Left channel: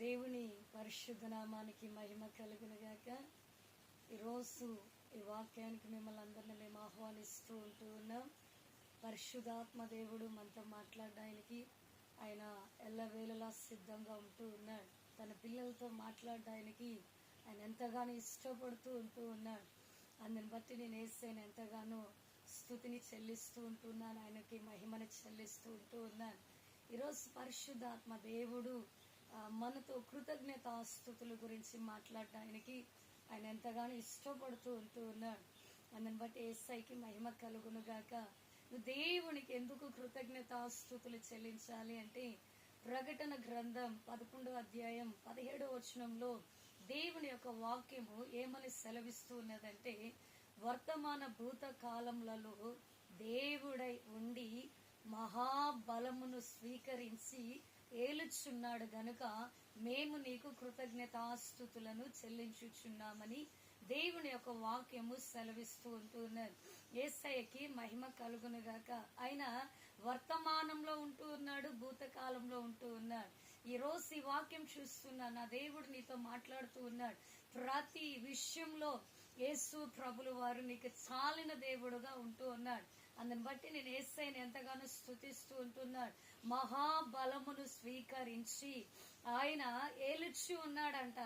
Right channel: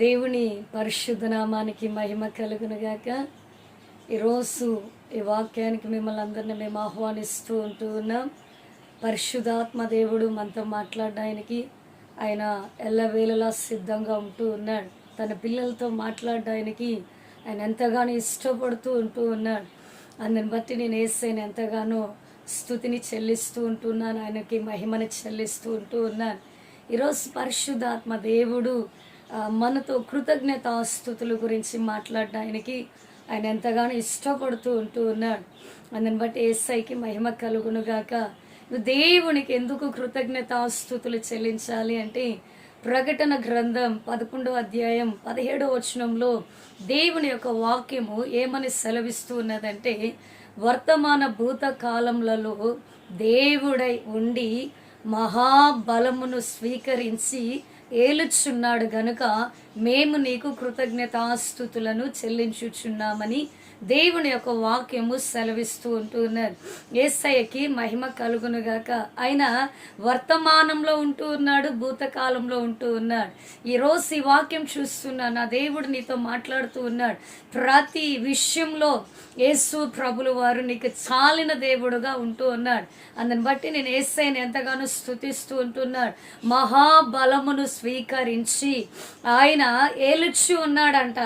దేవుని పరిశుద్ధ నామానికి మహిమ కలుగునుగాక. ఈరోజు ఈ వాక్యానికి మిమ్మల్ని అందరినీ మేము ఆహ్వానిస్తూ ఉన్నాం. పరిశుద్ధాత్మ దేవుడు మనతో మాట్లాడడానికి ఆయన ఎల్లవేళలా సిద్ధంగా ఉన్నాడు. తన పిల్లలతో మాట్లాడడానికి ఆయన ఎంతగానో ఇష్టపడుతూ ఉన్నాడు. అందుని బట్టి నేను యేసయ్యని ఎంతగానో స్తుతిని చెల్లిస్తూ ఉంటున్నాను, ఆయనకి మహిమని చెల్లిస్తూ ఉన్నాను. ఈరోజు పరిశుద్ధాత్మ దేవుడు మనతో కృతజ్ఞతాస్తుతుల గురించి మాట్లాడడానికి ఆయన ఎంతగానో ఇష్టపడుతూ ఉన్నాడు. అందుని బట్టి యేసయ్యకి మహిమ కలుగునుగాక. దేవునికి ఎందుకు కృతజ్ఞతాస్తుతులు చెల్లించాలి అంటే, ప్రకటన గ్రంథం 11వ అధ్యాయం 17వ వచనంలో దేవుని యొక్క వాక్యము ఏమని సెలవిస్తూ ఉన్నదంటే, వర్తమాన భూత కాలములలో దేవుడై ఉండి మహాబలమును స్వీకరించి ఏలుచున్నాడు గనుక మేము నీకు కృతజ్ఞతాస్తుతులను చెల్లించుచున్నామని దేవుని యొక్క వాక్యము సెలవిస్తూ ఉంటున్నారు. యేసయ్యకి మహిమ కలుగునుగాక. ఆయన వర్తమానంలో ఉన్నాడు, భూతకాలంలో ఉన్నాడు. ఈరోజు ఈ వాక్యం చూస్తున్నా, నా దేవుడు నీతో మాట్లాడుతూ ఉన్నాడు. ప్రతి విషయంలో యేసు ప్రభులు వారు నీకు చాలిన దేవుడుగా ఉన్నాడు. అందుని బట్టి నేను యేసయ్యని ఎంతగానో స్తుతిస్తూ ఉంటున్నాడు. మహాబలమును స్వీకరించి ఆయన ఏలుచు ఉన్నాడంట.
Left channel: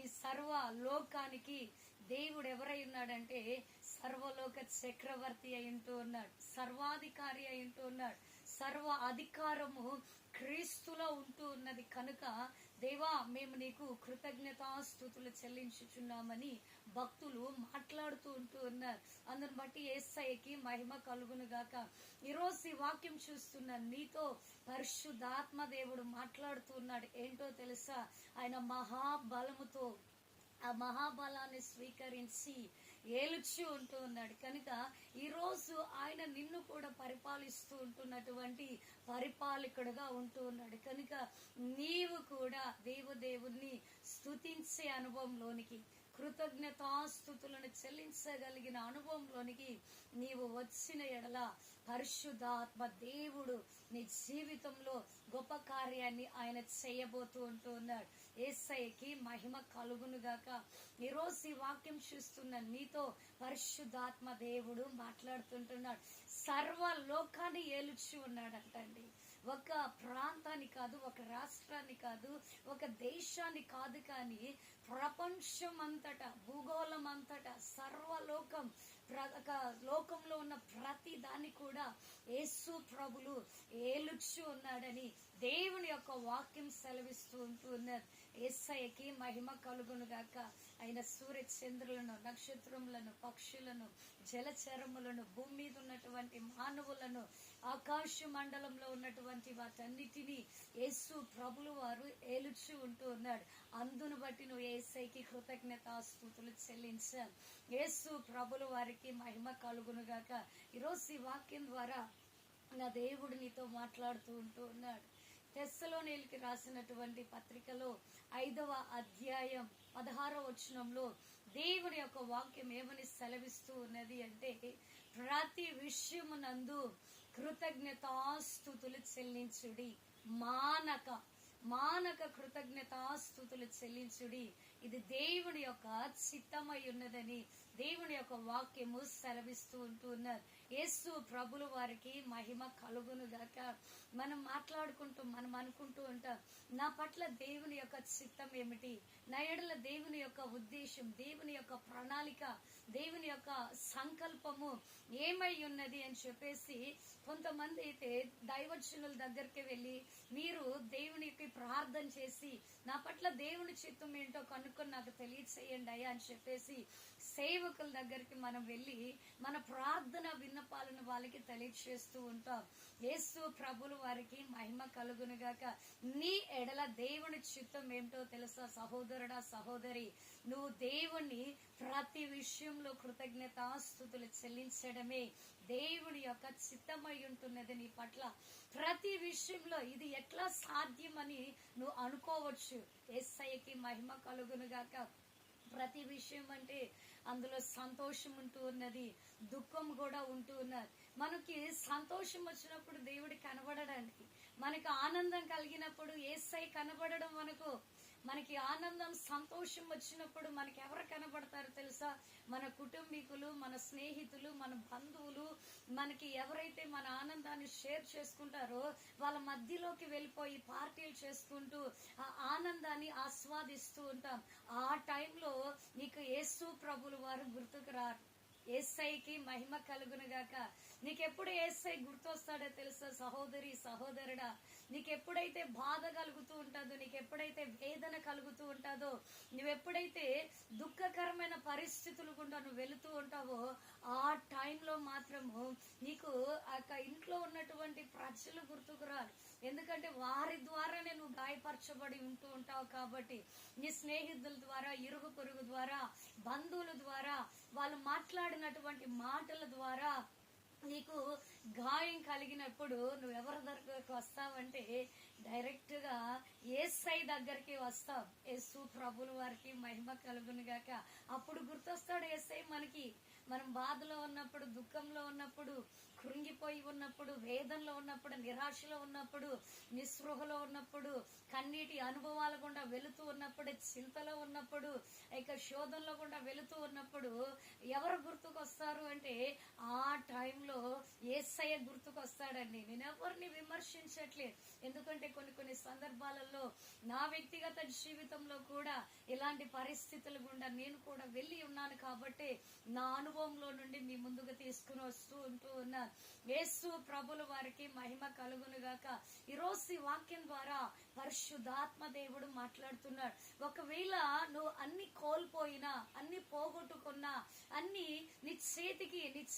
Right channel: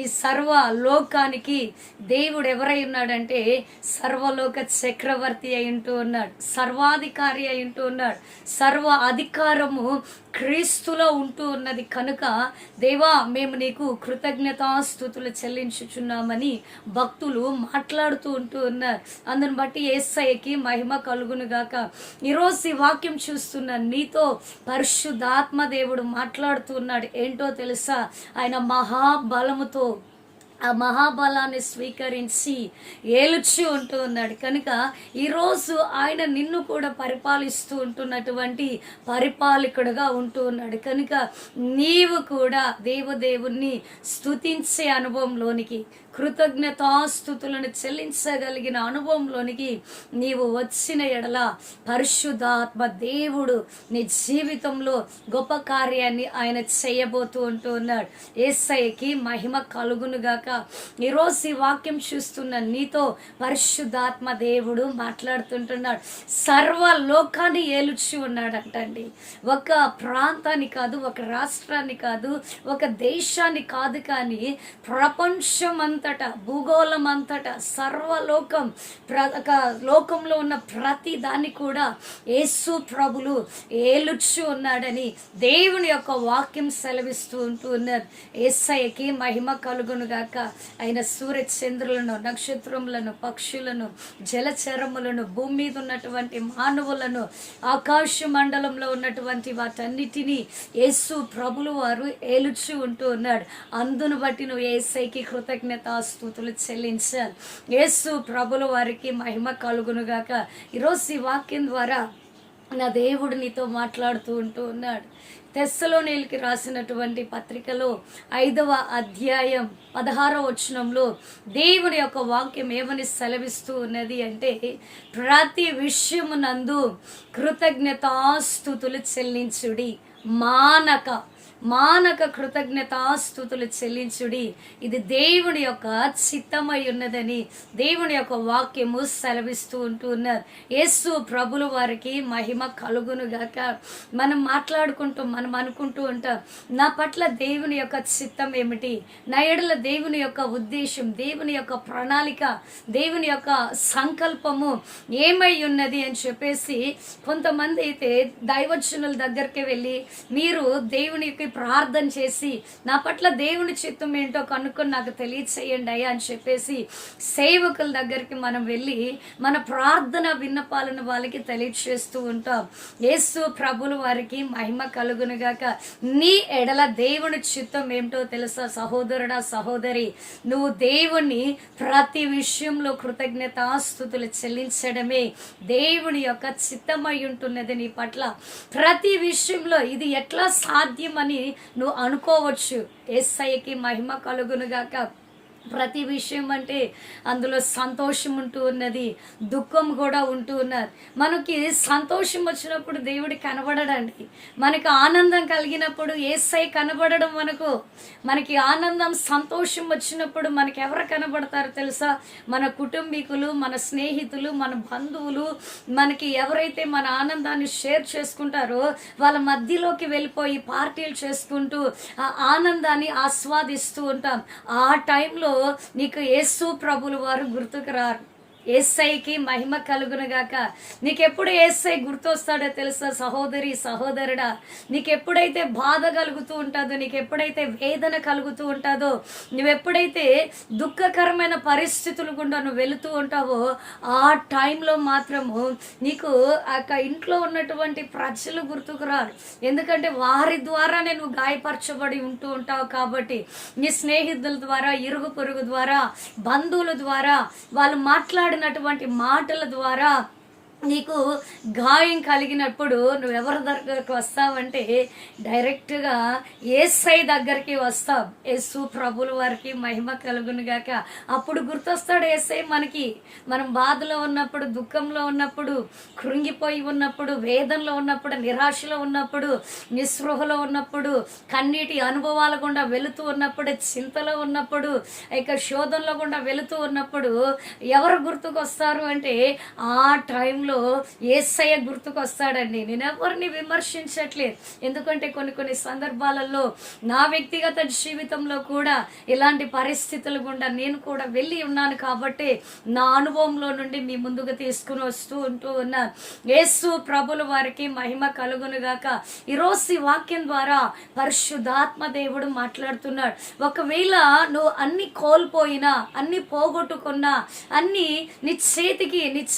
ఈ సర్వ లోకానికి దేవుడు ఎవరై ఉన్నాడంటే, సర్వలోక చక్రవర్తి అయి ఉన్నాడు, సర్వాధికారి అయి ఉన్నాడు. సర్వ అధికారము క్రీస్తులో ఉన్నది కనుక, దేవా మేము నీకు కృతజ్ఞతాస్తుతులు చెల్లించుచున్నామని భక్తులు మాట్లాడుతూ ఉన్నారు. అందుని బట్టి యేసయ్యకి మహిమ కలుగునుగాక. ఈరోజు ఈ వాక్యం చూస్తున్న నీతో పరిశుద్ధాత్మ దేవుడు మాట్లాడుతూ ఉన్నాడు. ఏంటో తెలుసా? ఆయన మహాబలముతో ఆ మహాబలాన్ని స్వీకరించి ఏలుచి ఉన్నాడు కనుక ఈరోజు ఆయన నిన్ను కూడా పరిపాలిస్తూ ఉంటున్నటువంటి పరిపాలకుడుగా ఉన్నాడు కనుక నీవు కూడా దేవదేవుణ్ణి స్తుతించే అనుభవంలోనికి, కృతజ్ఞతాస్తుతులను చెల్లించగలిగిన అనుభవంలోనికి నీవు వచ్చిన ఎడల పరిశుద్ధాత్మ దేవుడు నీ జీవితంలో గొప్ప కార్యాన్ని ఆయన చేయబోతూ ఉన్నాడు. యేసయ్యకి మహిమ కలుగునుగాక. ఈరోజు ఈ వాక్యం చూస్తున్న నీతో పరిశుద్ధాత్మ దేవుడు మాట్లాడుతుంటున్నాడు. సర్వ లోకాన్ని ఏలుచి ఉన్నాడంటండి. ఒక ప్రాంతాన్ని కాదు, ఒక రాష్ట్రాన్ని కాదు, ఒక దేశాన్ని కాదు, కానీ ప్రపంచం భూగోళం అంతటా సర్వలోకం, లోకంలో ఉన్న ప్రతి దాన్ని కూడా యేసు ప్రభులు ఏలుచు ఉన్నాడని దేవుని యొక్క వాక్యం సెలవిస్తూ ఉన్నారు. యేసయ్యకి మహిమ కలుగునుగాక. ఆయన సూర్య చంద్రులను, నక్షత్రములను, పక్షులను, జలచరములను, భూమి మీద ఉన్నటువంటి మానవులను, ఆకాశ మండలంలో ఉన్నటువంటి వాటన్నిటినీ యేసు ప్రభులు వారు ఏలుచు ఉన్నాడు. అందును బట్టి నువ్వు యేసయ్యకి కృతజ్ఞతాస్తుతులు చెల్లించాలి. యేసు ప్రభుల వారికి మహిమ కలుగునుగాక. ఈరోజు ఈ వాక్యం ద్వారా నా దేవుడు నీతో మాట్లాడుతూ ఉన్నాడు. తెస్సలోనీయులకి రాసినటువంటి పత్రికలో 5వ అధ్యాయం 16వ వచనంలో దేవుని యొక్క వాక్యం ఏమని సెలవిస్తూ ఉన్నది అంటే, ప్రతి విషయమునందు కృతజ్ఞతాస్తుతులు చెల్లించుడి, మానక కృతజ్ఞతాస్తుతులు చెల్లించుడి, ఇది దేవుని యొక్క చిత్తమై ఉన్నదని దేవుని యొక్క వాక్యము సెలవిస్తూ ఉన్నారు. యేసు ప్రభులు వారికి మహిమ కలుగునుగాక. మనం అనుకుంటూ ఉంటాం, నా పట్ల దేవుని యొక్క చిత్తం ఏమిటి, నా ఎడల దేవుని యొక్క ఉద్దేశం, దేవుని యొక్క ప్రణాళిక, దేవుని యొక్క సంకల్పము ఏమై ఉన్నది అని చెప్పేసి కొంతమంది అయితే దైవజనుల దగ్గరికి వెళ్ళి, మీరు దేవునికి ప్రార్థన చేసి నా పట్ల దేవుని చిత్తం ఏంటో కనుక్కొని నాకు తెలియచేయండి అయ్యా అని చెప్పేసి సేవకుల దగ్గరికి మనం వెళ్ళి మన ప్రార్థన విన్నపాలను వాళ్ళకి తెలియచేస్తూ ఉంటాం. యేసు ప్రభులు వారికి మహిమ కలుగునుగాక. నీ ఎడల దేవుని చిత్తం ఏమిటో తెలుసా సహోదరుడా, సహోదరి? నువ్వు దేవుని ప్రతి విషయంలో కృతజ్ఞతాస్తుతులు చెల్లించడమే దేవుని యొక్క చిత్తమై ఉంటున్నది నీ పట్ల. ప్రతి విషయంలో ఇది ఎట్లా సాధ్యమని నువ్వు అనుకోవచ్చు. యేసయ్యకి మహిమ కలుగునుగాక. ప్రతి విషయం అంటే అందులో సంతోషం ఉంటూ ఉన్నది, దుఃఖం కూడా ఉంటూ ఉన్నది. మనకి సంతోషం వచ్చినప్పుడు దేవుడు కనబడడండి. మనకి ఆనందం కలిగినప్పుడు యేసయ్య కనబడడం మనకి ఆనందం సంతోషం వచ్చినప్పుడు మనకి ఎవరు కనబడతారు తెలుసా? మన కుటుంబీకులు, మన స్నేహితులు, మన బంధువులు, మనకి ఎవరైతే మన ఆనందాన్ని షేర్ చేసుకుంటారో వాళ్ళ మధ్యలోకి వెళ్ళిపోయి పార్టీలు చేసుకుంటూ ఆ ఆనందాన్ని ఆస్వాదిస్తూ ఉంటాం. ఆ టైంలో నీకు యేసు ప్రభులు వారు గుర్తుకు రారు. యేసయ్యకి మహిమ కలుగునుగాక. నీకెప్పుడు యేసయ్య గుర్తొస్తాడో తెలుసా సహోదరి సహోదరుడా? నీకెప్పుడైతే బాధ కలుగుతూ ఉంటుందో, నీకెప్పుడైతే వేదన కలుగుతూ ఉంటుందో, నువ్వెప్పుడైతే దుఃఖకరమైన పరిస్థితులు గుండా నువ్వు వెళుతూ ఉంటావో ఆ టైంలో మాత్రము నీకు ఆ ఇంట్లో ఉన్నటువంటి ప్రజలు గుర్తుకు రారు. ఎందుకంటే వారి ద్వారానే నువ్వు గాయపరచబడి ఉంటూ ఉంటావు కాబట్టి. నీ స్నేహితుల ద్వారా, ఇరుగు పొరుగు ద్వారా, బంధువుల ద్వారా వాళ్ళు మాట్లాడినటువంటి మాటల ద్వారా నీకు గాయం కలిగినప్పుడు నువ్వెవరి దగ్గరకు వస్తావంటే డైరెక్ట్గా యేసయ్య దగ్గరికి వస్తావు. యేసు ప్రభుల వారికి మహిమ కలుగును గాక. అప్పుడు గుర్తొస్తాడు యేసయ్య మనకి. మనం బాధలో ఉన్నప్పుడు, దుఃఖంలో ఉన్నప్పుడు, కృంగిపోయి ఉన్నప్పుడు, వేదనలో ఉన్నప్పుడు, నిరాశలో ఉన్నప్పుడు, నిస్పృహలో ఉన్నప్పుడు, కన్నీటి అనుభవాల గుండా వెళుతూ ఉన్నప్పుడు, చింతలో ఉన్నప్పుడు, ఇక శోధనలో గుండా వెళుతూ ఉన్నప్పుడు ఎవరు గుర్తుకొస్తారు అంటే ఆ టైంలో యేసయ్య గుర్తుకొస్తాడండి. నేను ఎవరిని విమర్శించట్లేదు, ఎందుకంటే కొన్ని సందర్భాలలో నా వ్యక్తిగత జీవితంలో కూడా ఇలాంటి పరిస్థితులు గుండా నేను కూడా వెళ్ళి ఉన్నాను కాబట్టి నా అనుభవంలో నుండి మీ ముందుకు తీసుకుని ఉంటూ ఉన్నాను. యేసు ప్రభుల వారికి మహిమ కలుగునుగాక. ఈరోజు ఈ వాక్యం ద్వారా పరిశుద్ధాత్మ దేవుడు మాట్లాడుతున్నాడు. ఒకవేళ నువ్వు అన్ని కోల్పోయినా, అన్ని పోగొట్టుకున్నా, అన్ని నీ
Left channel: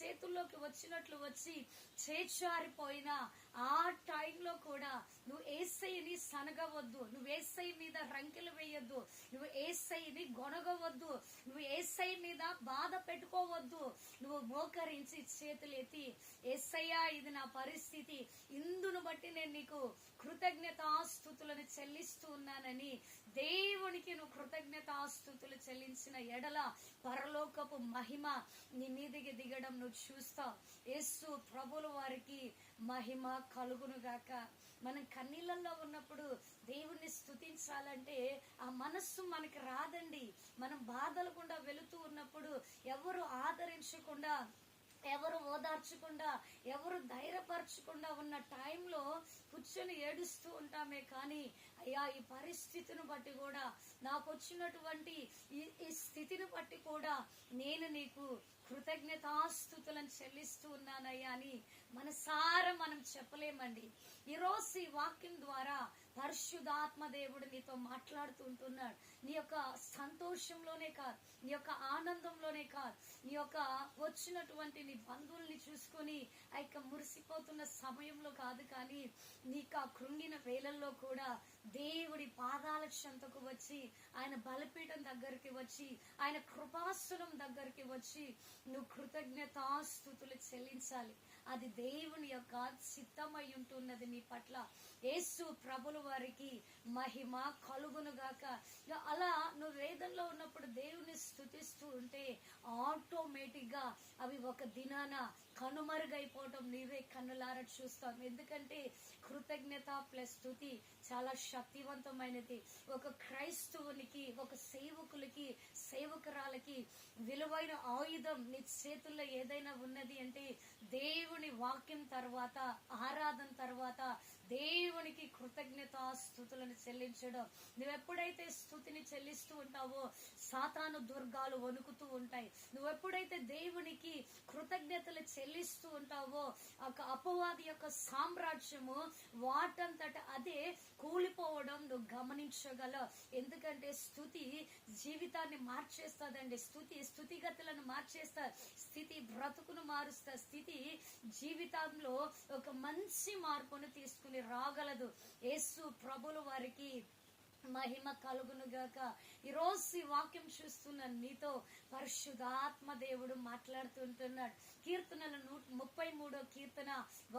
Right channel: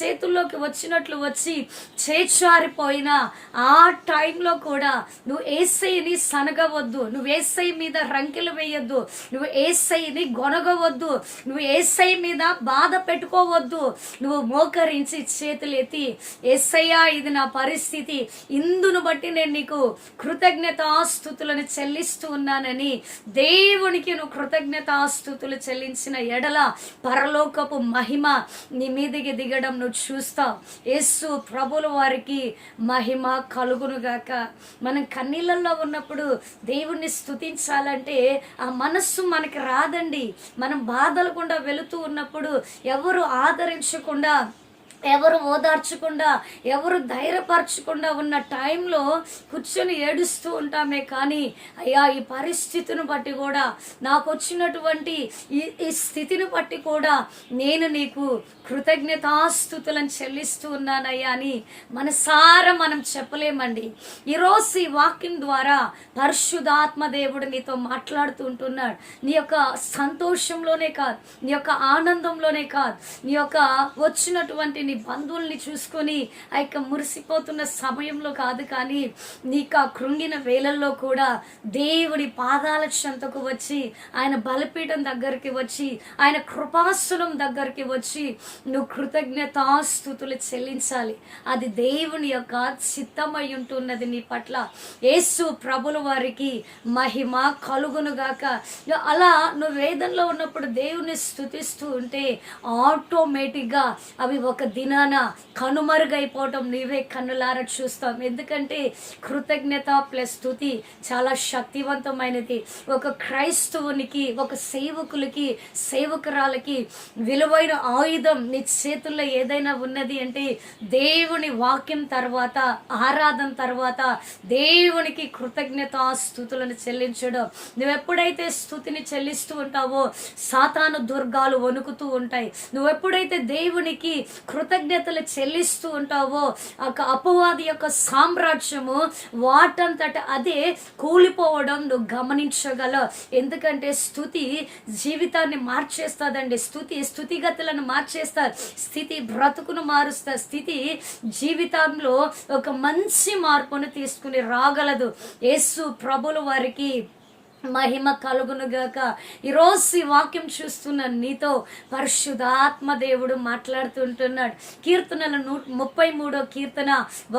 చేతుల్లోకి వచ్చినట్టు వచ్చి చేచారిపోయినా ఆ టైంలో కూడా నువ్వు యేసయ్యని సనగవద్దు, నువ్వు యేసయ్య మీద రంకెలు వేయొద్దు, నువ్వు యేసయ్యని గొనగవద్దు, నువ్వు యేసయ్య మీద బాధ పెట్టుకోవద్దు. నువ్వు మోకరించి చేతులు ఎత్తి యేసయ్యా ఇది నా పరిస్థితి, ఇందును బట్టి నేను నీకు కృతజ్ఞతాస్తుతులను చెల్లిస్తూ ఉన్నానని దేవునికి నువ్వు కృతజ్ఞతాస్తుతులు చెల్లించిన ఎడల పరలోకపు మహిమ నీ మీదికి దిగడం నువ్వు చూస్తావు. యేసు ప్రభుల వారికి మహిమ కలుగునుగాక. మనం కన్నీళ్ళల్లో ఉన్నప్పుడు దేవుణ్ణి స్తుతించాలంటే ఆ మనస్సు మనకి రాదండి. మనం బాధలు గుండా వెళుతూ ఉన్నప్పుడు ఎవరు ఆదరించకుండా, ఎవరు ఓదార్చకుండా, ఎవరు ధైర్యపరచకుండా ఉన్న టైంలో కూర్చొని ఏడుస్తూ ఉంటామే. కానీ అయ్యా ఈ పరిస్థితిని బట్టి కూడా, నాకు వచ్చినటువంటి ఈ స్థితిని బట్టి కూడా నేను నీకు కృతజ్ఞతాస్తుతులను చెల్లిస్తూ ఉన్నానయ్యా అని మనసారా మనం చెప్పలేమండి. ఈరోజు ఈ వాక్యం ద్వారా పరిశుద్ధాత్మ దేవుడు నీతో మాట్లాడుతూ ఉంటున్నాడు. నీ యొక్క సంతోషంలోనే కాదు, నీ యొక్క ఆనందంలోనే కాదు, నీ యొక్క వచ్చినటువంటి నీ బంధువుల్ని చూసుకొని ఆ యొక్క మురిసిపోతున్న సమయంలో కాదు, కానీ నీకు ఆ కృంగిన వేళల్లో కూడా దేవుడి పాదాల చెంతకు వచ్చి, ఆయన బలిపీఠం దగ్గరికి వచ్చి, ఆయన కృపాసనం దగ్గరికి వచ్చి నువ్వు కృతజ్ఞతాస్తుతులు చెల్లించాలి. అది దేవుని యొక్క చిత్తమై ఉంటున్నది నీ పట్ల. యేసు ప్రభుల వారికి మహిమ కలుగునుగాక. అలా నువ్వు వేదనలో ఉన్నప్పుడు దేవుని స్తుతిస్తూ ఉంటే ఆటోమేటిక్గా అవి ఒక దినాన కనుమరుగైపోవటం నీవే కన్నులారా చూస్తాం. ఎందుకంటే కృతజ్ఞత ప్లస్ స్తుతి చాలా శక్తివంతమైనది. ఒక క్రైస్తవునికి, ఒక సేవకులకి, సేవకురాలకి విలువైన ఆయుధం నీ చేతుల్లో ఏదైనా ఉన్నది అంటే దేవుని వాక్యం తర్వాత, ఆరాధన తర్వాత దేవునికి కృతజ్ఞతాస్తుతులను చెల్లించడం. నువ్వెప్పుడైతే స్తుతిని చెల్లిస్తూ ఉంటావో సాతాను దుర్గాలు వణుకుతూ ఉంటాయి. నువ్వెప్పుడైతే దేవునికి కృతజ్ఞతలు చెల్లిస్తూ ఉంటావో అపవాది యొక్క సామ్రాజ్యము వాటంతట అదే కూలిపోవడం నువ్వు గమనించగలవు. ఎందుకంటే స్తుతి జీవితాన్ని మార్చేస్తుందండి. స్థుతిగతులను మార్చేస్తారు. స్థితి బ్రతుకును మారుస్తారు. స్థితి జీవితంలో ఒక మంచి మార్పును తీసుకుని రాగలదు. యేసు ప్రభుల వారికి మహిమ కలుగును గాక. ఈరోజు ఈ వాక్యం చూస్తున్న నీతో పరిశుద్ధాత్మ దేవుడు మాట్లాడుతుంటున్నాడు. కీర్తనల 33 కీర్తన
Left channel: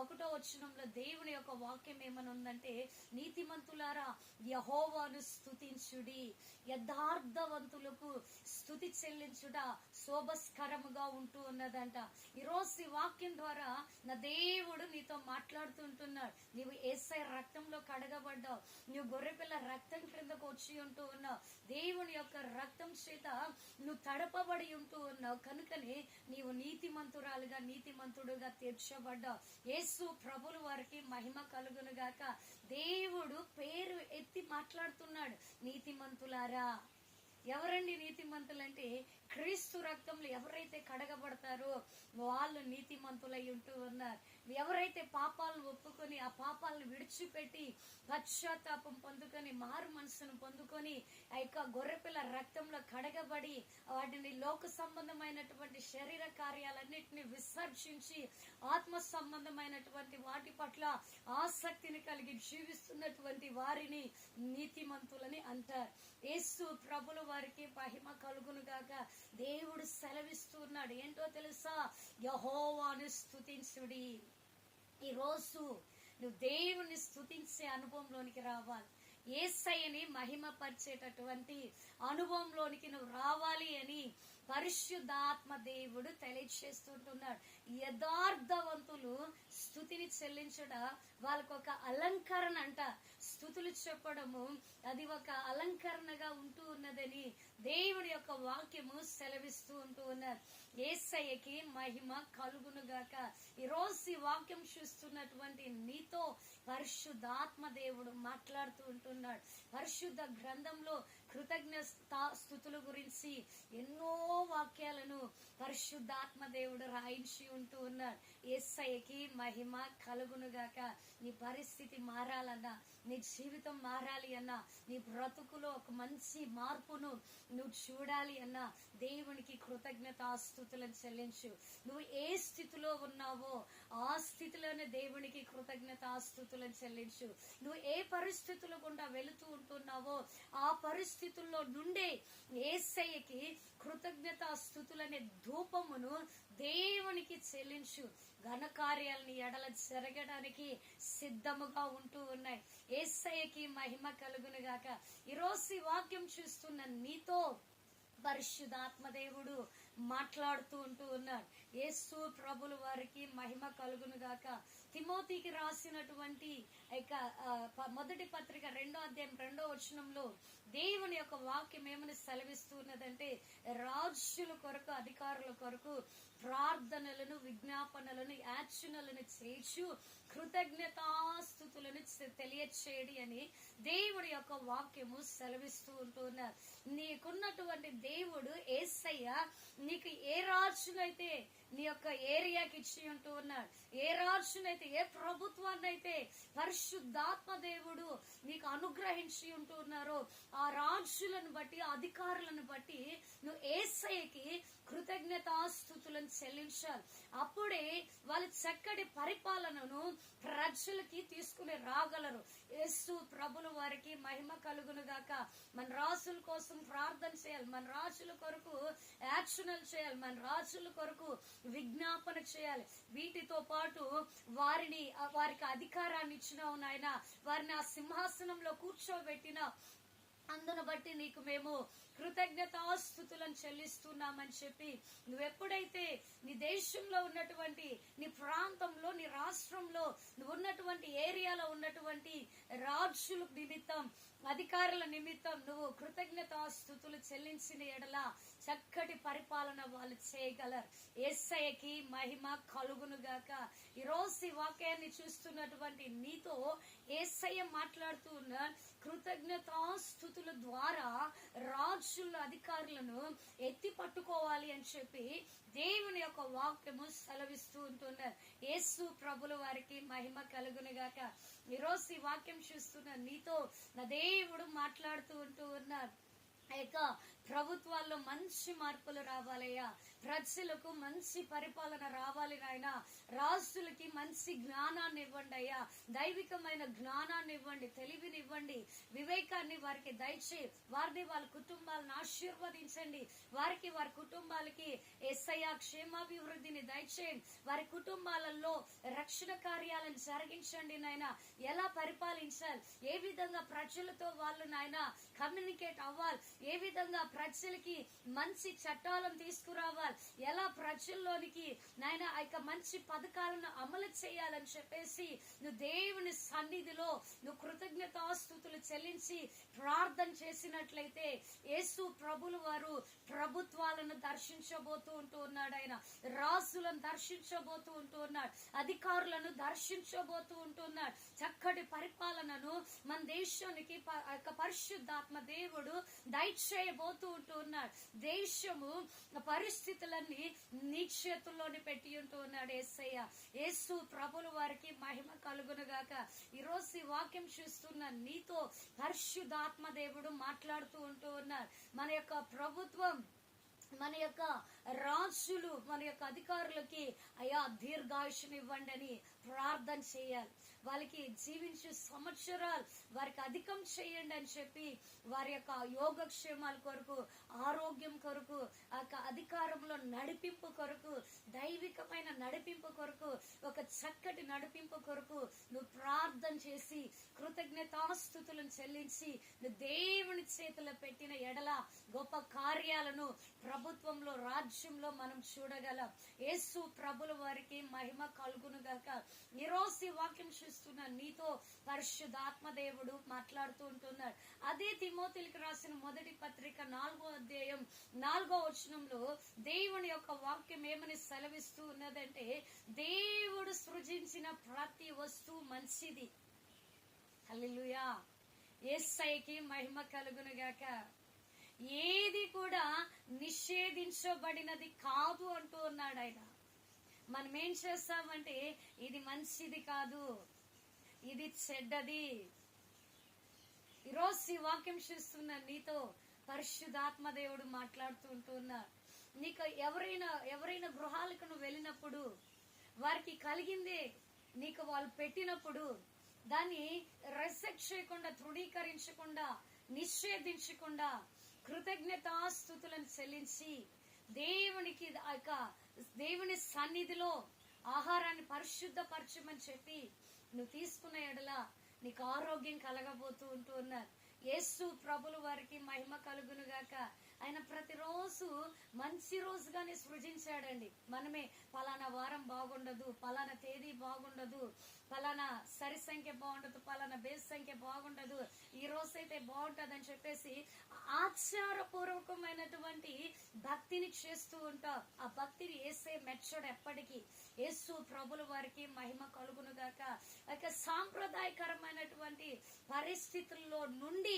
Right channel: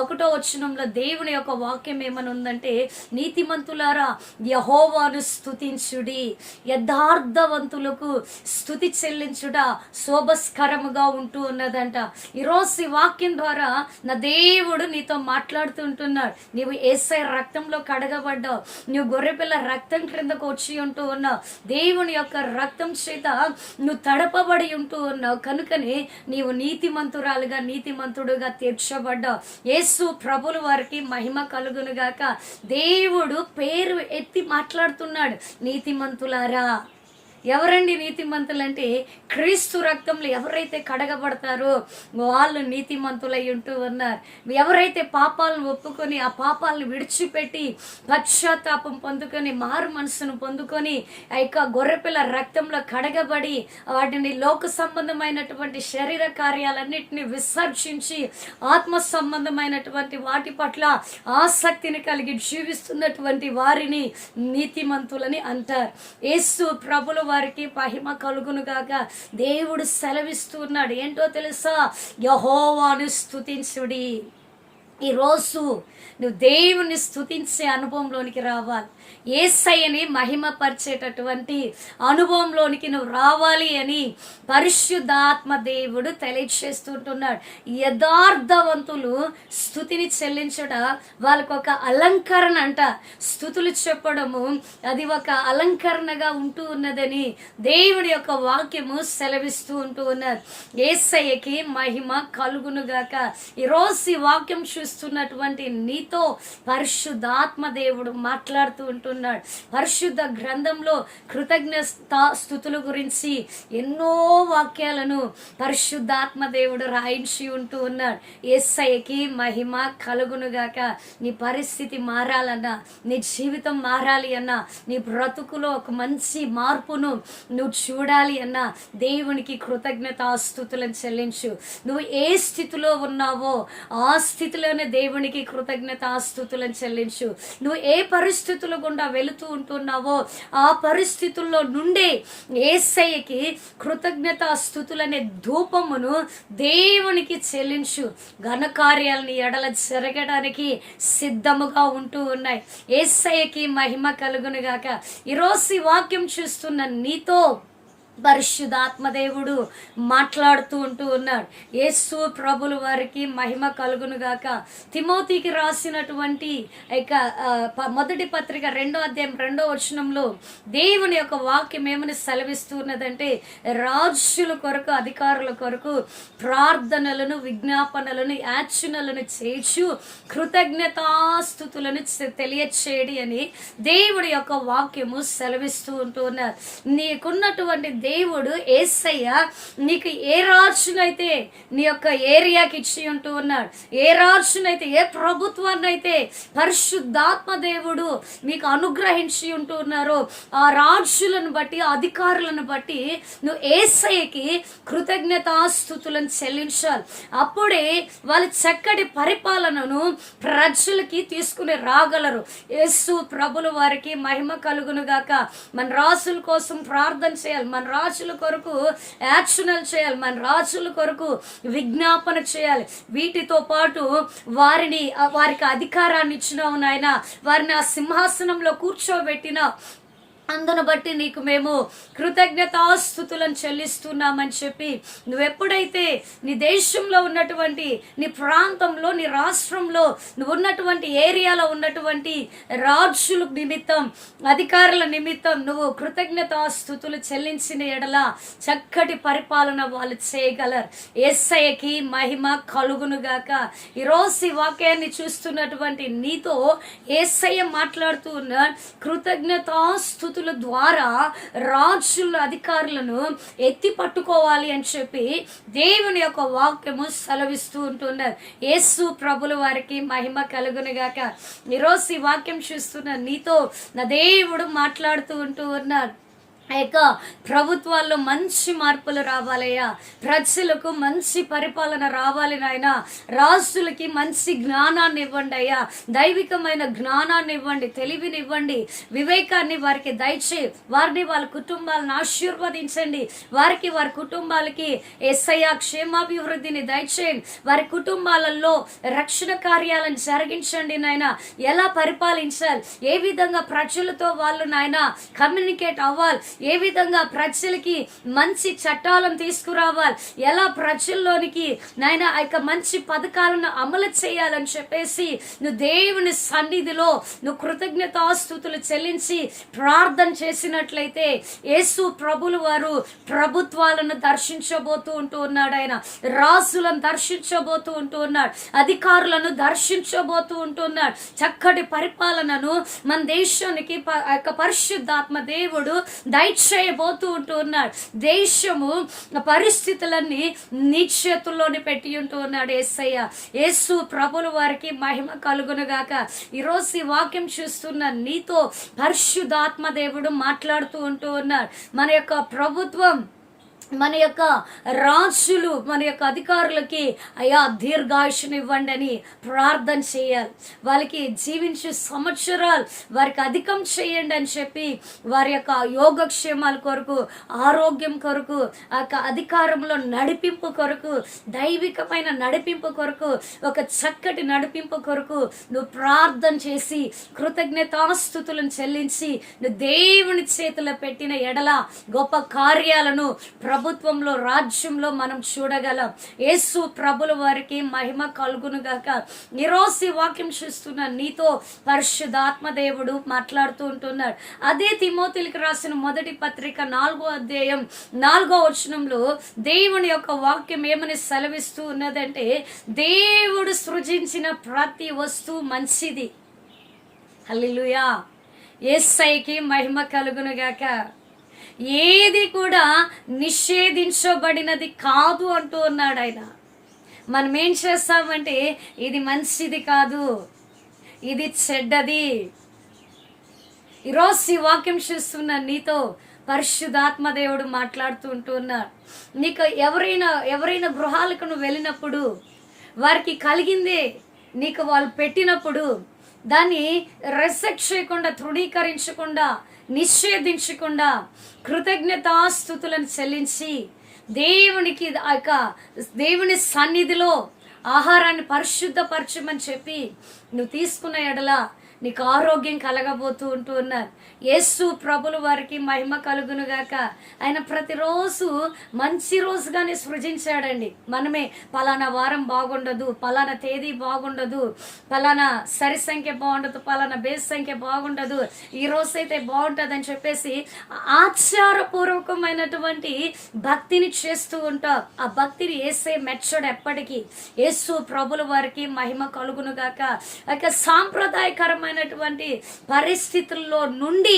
1 వచనంలో దేవుని యొక్క వాక్యం ఏమని ఉందంటే, నీతిమంతులారా యెహోవాను స్తుతించుడి, యథార్థవంతులకు స్తుతి చెల్లించుట శోభస్కరముగా ఉంటూ ఉన్నదంట. ఈరోజు ఈ వాక్యం ద్వారా నా దేవుడు నీతో మాట్లాడుతుంటున్నాడు. నీవు యేసయ్య రక్తంలో కడగబడ్డావు, నువ్వు గొర్రెపిల్ల రక్తం క్రిందకు వచ్చి ఉంటూ ఉన్నావు, దేవుని యొక్క రక్తం చేత నువ్వు తడపబడి ఉంటూ ఉన్నావు. కనుకనే నీవు నీతిమంతురాలుగా నీతిమంతుడుగా తీర్చబడ్డావు. యేసు ప్రభుల వారికి మహిమ కలుగును గాక. దేవుడు పేరు ఎత్తి మాట్లాడుతున్నాడు, నీతిమంతులారా. ఎవరండి నీతిమంతులు అంటే, క్రీస్తు రక్తంలో ఎవరైతే కడగబడతారో వాళ్ళు నీతిమంతులై ఉంటూ ఉన్నారు. ఎవరైతే పాపాలను ఒప్పుకొని ఆ పాపాలను విడిచిపెట్టి పశ్చాత్తాపం పొందుకొని మారు మనసును పొందుకొని ఆ యొక్క గొర్రెపిల్ల రక్తంలో కడగబడి వాటిని లోక సంబంధమైనటువంటి శరీర కార్యాలన్నింటినీ విసర్జించి ఆత్మ సంబంధమైనటువంటి వాటి పట్ల ఆసక్తిని కలిగి జీవిస్తున్నటువంటి వారిని నీతిమంతులని అంటారు. యేసు ప్రభుల వారికి మహిమ కలుగును గాక. దేవుడు సెలవిస్తున్నాడు, ఏంటో తెలుసా? యెహోవాను స్తుతించుడి. ఈరోజు నువ్వు దేవుని స్తుతించే అనుభవంలోనికి రావాలి. యేసయ్యని మహిమపరిచేటటువంటి అనుభవంలోనికి నువ్వు రావాలి అని పరిశుద్ధాత్మ దేవుడు తెలియచేస్తుంటున్నాడు. యథార్థవంతులు స్తుతిని చెల్లించట వాళ్ళకు ఒక అలంకరణ అంట. స్తుతులు చెప్పడము అది ఒక అలంకరణగా ఉంటూ ఉన్నదని దేవుడి యొక్క వాక్యము సెలవిస్తూ ఉంటూ ఉన్నారు. యేసయ్యకి మహిమ కలుగునుగాక. ఈరోజు ఈ వాక్యం చూస్తున్నటువంటి నీతో పరిశుద్ధాత్మ దేవుడు మాట్లాడుతూ ఉంటున్నాడు. పరిశుద్ధ గ్రంథంలో కృతజ్ఞతా స్తుతుల గురించి ఎన్నో వాక్యాలను పరిశుద్ధాత్మ దేవుడు రాయించి ఉంటూ ఉన్నాడు. యేసయ్యకి మహిమ కలుగునుగాక. నీ పరిస్థితి మారాలన్నా, నీ జీవితం మారాలి అన్నా, నీ బ్రతుకులో ఒక మంచి మార్పును నువ్వు చూడాలి అన్నా దేవునికి కృతజ్ఞతా స్తుతులను చెల్లించు. నువ్వు ఏ స్థితిలో ఉన్నావో ఆ స్థితిలోనే దేవునికి కృతజ్ఞతా స్తుతులను చెల్లించు. నువ్వు ఏ పరిస్థితులు గుండా వెళుతూ ఉంటున్నావో ఆ పరిస్థితుల్లో నుండే యేసయ్యకి కృతజ్ఞతా స్తుతులనే ధూపమును దేవునికి చెల్లించు. ఘనకార్యాలని ఎడల జరగడానికి సిద్ధముగా ఉంటూ ఉన్నాయి. యేసయ్యకి మహిమ కలుగును గాక. ఈరోజు ఈ వాక్యం చూస్తున్న నీతో పరిశుద్ధాత్మదేవుడు మాట్లాడుతూ ఉంటూ ఉన్నాడు. యేసు ప్రభుల వారికి మహిమ కలుగును గాక. తిమోతికి రాసినటువంటి మొదటి పత్రిక 2వ అధ్యాయం 2వ వచనంలో దేవుని యొక్క వాక్యం ఏమని సెలవిస్తున్నదంటే, రాజుల కొరకు అధికారుల కొరకు ప్రార్థనలను విజ్ఞాపనలను యాచనలను చేర్చు కృతజ్ఞతాస్తుతులను తెలియచేయడి అని దేవుడి యొక్క వాక్యము సెలవిస్తూ ఉంటూ ఉన్నారు. నీకున్నటువంటి దేవుడు యేసయ్య నీకు ఏ రాజునైతే నీ యొక్క ఏరియాకి ఇచ్చి ఉంటూ ఉన్నాడు, ఏ రాజునైతే ఏ ప్రభుత్వాన్ని అయితే పరిశుద్ధాత్మ దేవుడు మీకు అనుగ్రహించి ఉంటూ ఉన్నారో ఆ రాజులను బట్టి అధికారులను బట్టి నువ్వు యేసయ్యకి కృతజ్ఞతాస్తుతులను చెల్లించాలి. అప్పుడే వాళ్ళు చక్కటి పరిపాలనను ప్రజలకి తీసుకుని రాగలరు. యేసు ప్రభుల వారికి మహిమ కలుగును గాక. మన రాజుల కోసం ప్రార్థన చేయాలి, మన రాజుల కొరకు యాక్షనల్ చేయాలి, మన రాజుల కొరకు విజ్ఞాపన చేయాలి. వీటితో పాటు వారికి అధికారాన్ని ఇచ్చినావు నాయన, వారిని ఆ సింహాసనంలో కూర్చోబెట్టిన అందును బట్టి నీకు మేము కృతజ్ఞతాస్తుతులను చెల్లిస్తున్నామని చెప్పి నువ్వెప్పుడైతే నీ దేశంలో ఉన్నటువంటి నీ ప్రాంతంలో నీ రాష్ట్రంలో నువ్వు ఉన్నటువంటి ఏరియాలో ఉన్నటువంటి రాజుల నిమిత్తం అధికారుల నిమిత్తం నువ్వు కృతజ్ఞతాస్తుతులు చెల్లించిన ఎడల చక్కటి పరిపాలన వాళ్ళు చేయగలరు. యేసయ్యకి మహిమ కలుగునుగాక. ఈరోజు ఈ వాక్యాన్ని చూస్తున్నటువంటి నీతో యేసయ్య మాట్లాడుతూ ఉన్న కృతజ్ఞతాస్తుతుల ద్వారా రాజుల అధికారులను ఎత్తి పట్టుకోవాలి అని చెప్పి దేవుని యొక్క వాక్యము సెలవిస్తూ ఉంటున్నారు. యేసు ప్రభుల వారికి మహిమ కలుగునుగాక. ఈరోజు ఈ వాక్యం చూస్తున్న నీతో నా దేవుడు మాట్లాడుతూ ఉంటూ ఉన్నాడు. ఆ యొక్క ప్రభుత్వాల్లో మంచి మార్పులు రావాలయ్యా, ప్రజలకు మంచి పరిపాలన రావాలి నాయన, రాజులకి మంచి జ్ఞానాన్ని ఇవ్వండి అయ్యా, దైవికమైన జ్ఞానాన్ని ఇవ్వండి, తెలివిని ఇవ్వండి, వివేకాన్ని వారికి దయచేయి, వారిని వాళ్ళ కుటుంబాలను ఆశీర్వదించండి, వారికి వారి కుటుంబాలకి యేసయ్య క్షేమాభివృద్ధిని దయచేయండి, వారి కుటుంబాలలో రక్షణ కార్యాలను జరిగించండి నాయన, ఎలా పరిపాలించాలి, ఏ విధంగా ప్రజలతో వాళ్ళు నాయన కమ్యూనికేట్ అవ్వాలి, ఏ విధంగా ప్రజలకి మంచి చట్టాలను తీసుకురావాలి, ఎలా ప్రజల్లోనికి నాయన ఆ యొక్క మంచి పథకాలను అమలు చేయాలని చెప్పేసి నువ్వు దేవుని సన్నిధిలో నువ్వు కృతజ్ఞతాస్తుతులు చెల్లించి ప్రార్థన చేసినట్లయితే యేసు ప్రభులు వారు ప్రభుత్వాలను దర్శించబోతూ ఉంటూ ఉన్నాడు, ఆయన రాజులను దర్శించబోతూ ఉంటూ ఉన్నాడు, అధికారులను దర్శించబోతూ ఉంటున్నాడు, చక్కటి పరిపాలనను మన దేశానికి పరిశుద్ధాత్మ దేవుడు దయచేయబోతూ ఉంటూ ఉన్నాడు. దేశము పరిస్థితులన్నీ నీ చేతుల్లోనే పెట్టి ఉంటూ ఉన్నాడు యేసయ్య. యేసు ప్రభుల వారికి మహిమ కలుగును గాక. ఈరోజు ఈ వాక్యం చూస్తున్న నీతో పరిశుద్ధాత్మ దేవుడు మాట్లాడుతూ ఉంటూ ఉన్నాడు. మన యొక్క ప్రభుత్వం, మన యొక్క రాజులు, మన యొక్క అధికారులకి అయ్యా దీర్ఘాయుషుని ఇవ్వండి అని ప్రార్థన చేయాలి, వాళ్ళకి జీవించే సంవత్సరాలు వారికి అధికం చేయండి అని చెప్పి వారి యొక్క యోగక్షేమాల కొరకు, ఆరోగ్యం కొరకు, ఆ యొక్క అధికారంలో నడిపింపు కొరకు, దైవికమైన నడిపింపు కొరకు, ఒక చక్కటి నడిపింపు కొరకు నువ్వు ప్రార్థన చేసి కృతజ్ఞతాస్తుతులను చెల్లించి నువ్వు దేవుని చేతిలో పెట్టిన ఎడల గొప్ప కార్యాలను ప్రభుత్వంలో, రాజ్యంలో మనం చూడగలం. యేసు ప్రభుల వారికి మహిమ కలుగును గాక. ఈరోజు ఈ వాక్యం చూస్తున్న నీతో పరిశుద్ధాత్మ దేవుడు మాట్లాడుతూ ఉంటున్నాడు. అదే తిమోతికి రాసిన మొదటి పత్రిక 4వ అధ్యాయం 4వ వచనంలో దేవుని యొక్క వాక్యం ఏమని సెలవిస్తూ ఉన్నదంటే, దేవుడు సృజించిన ప్రతి వస్తువు మంచిది. హల్లెలూయా, యేసయ్యకి మహిమ కలుగును గాక. ఏది కూడా నిషేధించబడినది కాదు అంటూ ఉన్నాడు ఆయన. మనం ఏం చేస్తామంటే ఇది మంచిది కాదు, ఇది చెడ్డది. ఈరోజు ఈ వాక్యం చూస్తున్న నీతో పరిశుద్ధాత్మ దేవుడు మాట్లాడుతూ ఉంటూ ఉన్నాడు. నీకు ఎవరైనా గృహాలకు నువ్వు వెళ్ళినప్పుడు వారికి కలిగిందే నీకు వాళ్ళు పెట్టినప్పుడు దాన్ని రెస్పెక్ట్ చేయకుండా, తృణీకరించకుండా, నిషేధించకుండా కృతజ్ఞతాస్తుతులను చెల్లించి దేవునికి ఆ యొక్క దేవుని సన్నిధిలో ఆహారాన్ని పరిశుద్ధపరచమని చెప్పి నువ్వు తీసుకున్న ఎడల నీకు ఆరోగ్యం కలగబోతూ ఉంటూ ఉన్నారు. యేసు ప్రభుల వారికి మహిమ కలుగును గాక. ఆయన ప్రతిరోజు మంచి రోజుగానే సృజించాడండి. మనమే పలానా వారం బాగుండదు, పలానా తేదీ బాగుండదు, పలానా సరి సంఖ్య బాగుండదు, పలానా బేస్ సంఖ్య బాగుండదు, ఈ రోజైతే బాగుంటుంది అని చెప్పేసి ఆచారపూర్వకమైనటువంటి భక్తిని చేస్తూ ఉంటాం. ఆ భక్తిని యేసే మెచ్చడు ఎప్పటికీ. యేసు ప్రభుల వారికి మహిమ కలుగును గాక. సాంప్రదాయకరమైనటువంటి పరిస్థితుల్లో నుండి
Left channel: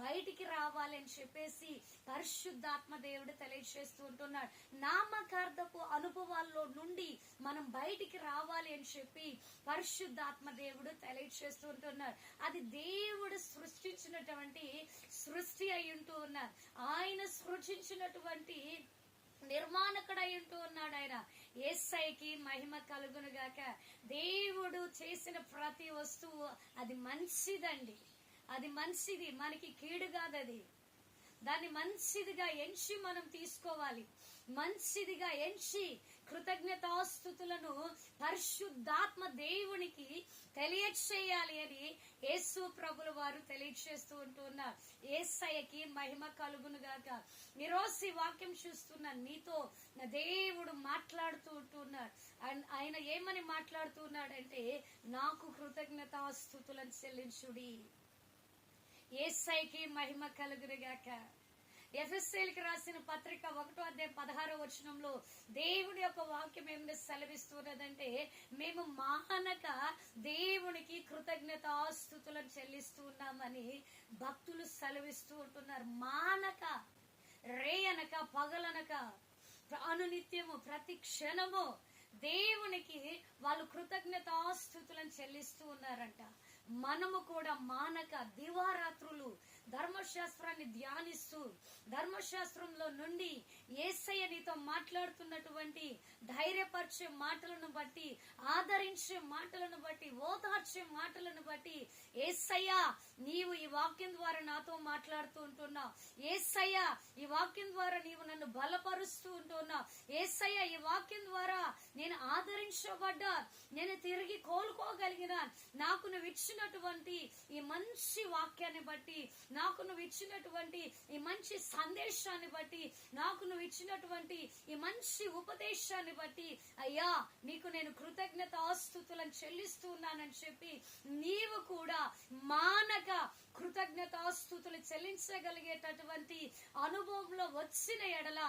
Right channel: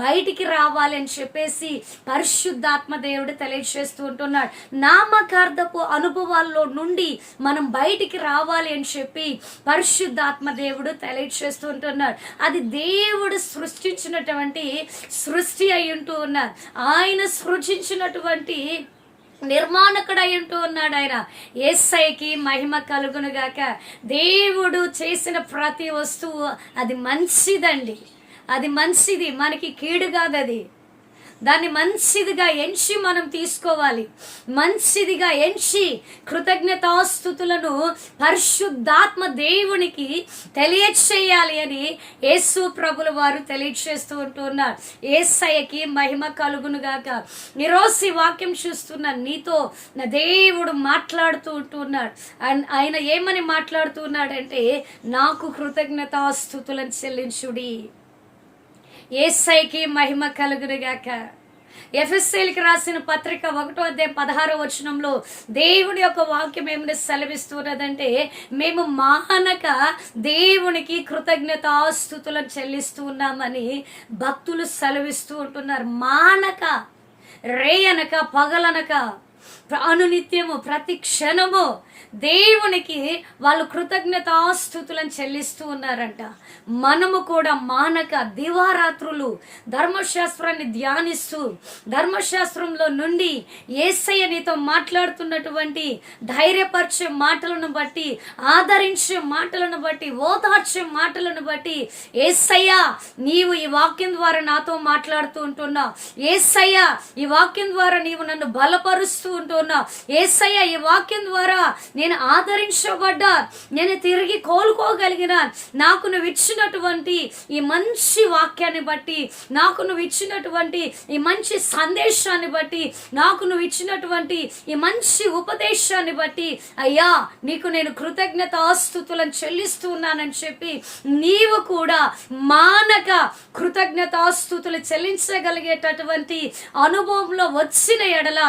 బయటికి రావాలి అని చెప్పేసి పరిశుద్ధాత్మ దేవుడు తెలియజేస్తూ ఉంటున్నాడు. నామకార్థపు అనుభవాల్లో నుండి మనం బయటికి రావాలి అని చెప్పి పరిశుద్ధాత్మ దేవుడు తెలియజేస్తూ ఉంటున్నాడు. అది దేవుడు సృష్టించినటువంటి సృష్టి అయి ఉంటూ ఉన్నాడు. ఆయన సృష్టించినటువంటి నిర్మాణకుడు అయి ఉంటూ ఉన్నాడు ఆయన. యేసయ్యకి మహిమ కలుగును గాక. దేవుడు చేసిన ప్రతి వస్తువు అది మంచిదండి, అది మంచిది, మనకి కీడు కాదు. అది దాన్ని మంచిదిగా ఎంచి మనం తీసుకోవాలి. మంచిదిగా ఎంచి కృతజ్ఞతాస్తుతులను పరిశుద్ధాత్మ దేవునికి తెలియచేయాలి అని యేసు ప్రభుల వారు తెలియచేస్తూ ఉంటున్నారు. యేసయ్యకి మహిమ కలుగును గాక. ఈరోజు ఈ వాక్యం చూస్తున్న నీతో నా దేవుడు మాట్లాడుతూ ఉంటున్నాడు. ఆయన ఏమని మాట్లాడుతున్నాడంటే, నాకు కృతజ్ఞతాస్తుతులను చెల్లించుడి. యేసయ్యకి మహిమ కలుగును గాక. ఎఫెసీయులకు రాసిన పత్రిక 1వ అధ్యాయం 16వ వచనంలో దేవుని యొక్క వాక్యం ఏమని సెలవిస్తున్నదంటే, మేము మానక దేవునికి కృతజ్ఞతాస్తుతులను చెల్లిస్తూ ఉన్నామని భక్తులు సెలవిస్తూ ఉంటున్నారు. మానక, రేయనక, పగలనక అనునిత్యము ప్రతి క్షణము దేవునికి వాళ్ళు కృతజ్ఞతాస్తుతులను చెల్లిస్తూ ఉన్నారంట. మనము కూడా మానక దివారాత్రులు ధర్మశాస్త్రాన్ని ధ్యానిస్తూ ధర్మశాస్త్రంలో నుండి యేసయ్య నీతో మాట్లాడుతున్నటువంటి ధైర్యపరిచే మాటలను బట్టి, ఆదరించే మాటలను బట్టి, ఓదార్చే మాటలను బట్టి, యేసయ్య నీవు ఈ వాక్యం ద్వారా నాతో మాట్లాడుతూ ఉంటున్నావు, యేసయ్య ఈ వాక్యం ద్వారా నీవు నన్ను బలపరుస్తూ ఉంటున్నావు, యేసయ్య ఈ వాక్యం ద్వారా నేను ఆదరించబడ్డా, నేను తిరిగి కోలుకోగలిగిన, నాకు నువ్వు ఇచ్చినటువంటి ఈ మంచి వాక్యాన్ని బట్టి, నాకు నువ్వు ఇచ్చినటువంటి ఈ మంచి సందేశాన్ని బట్టి, నాకు నువ్వు ఇచ్చినటువంటి ఈ మంచి ఉపదేశాన్ని బట్టి అయ్యా నీకు నేను కృతజ్ఞతాస్తుతులను చెల్లిస్తూ ఉన్నానని చెప్పి నీవు కూడా మానక కృతజ్ఞతాస్తుతులు చెల్లించగలిగేటటువంటి అనుభవంలో వచ్చిన ఎడల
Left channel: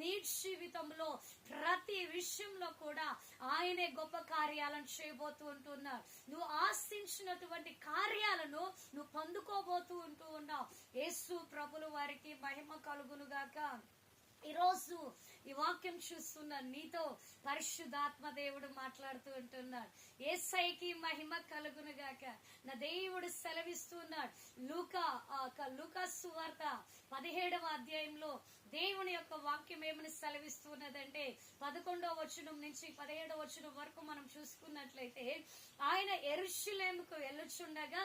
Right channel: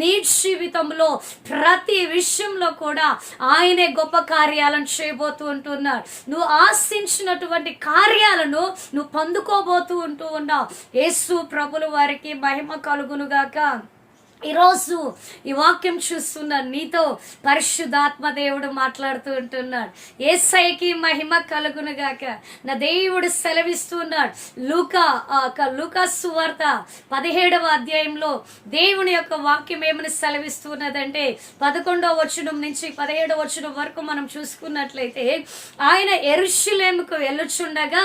నీ జీవితంలో ప్రతి విషయంలో కూడా ఆయనే గొప్ప కార్యాలను చేయబోతూ ఉంటున్నాడు. నువ్వు ఆశించినటువంటి కార్యాలను నువ్వు పొందుకోబోతూ ఉంటూ ఉన్నావు. యేసు ప్రభుల వారికి మహిమ కలుగునుగాక. ఈరోజు ఈ వాక్యం చూస్తున్న నీతో పరిశుద్ధాత్మ దేవుడు మాట్లాడుతూ ఉంటున్నాడు. యేసయ్యకి మహిమ కలుగునుగాక. నా దేవుడు సెలవిస్తున్నాడు. లూకా సువార్త 17వ అధ్యాయంలో దేవుని యొక్క వాక్యం ఏమని సెలవిస్తున్నదంటే 11వ వచనం నుంచి 17వ వచనం వరకు మనం చూసుకున్నట్లయితే, ఆయన యెరూషలేముకు వెళ్ళుచుండగా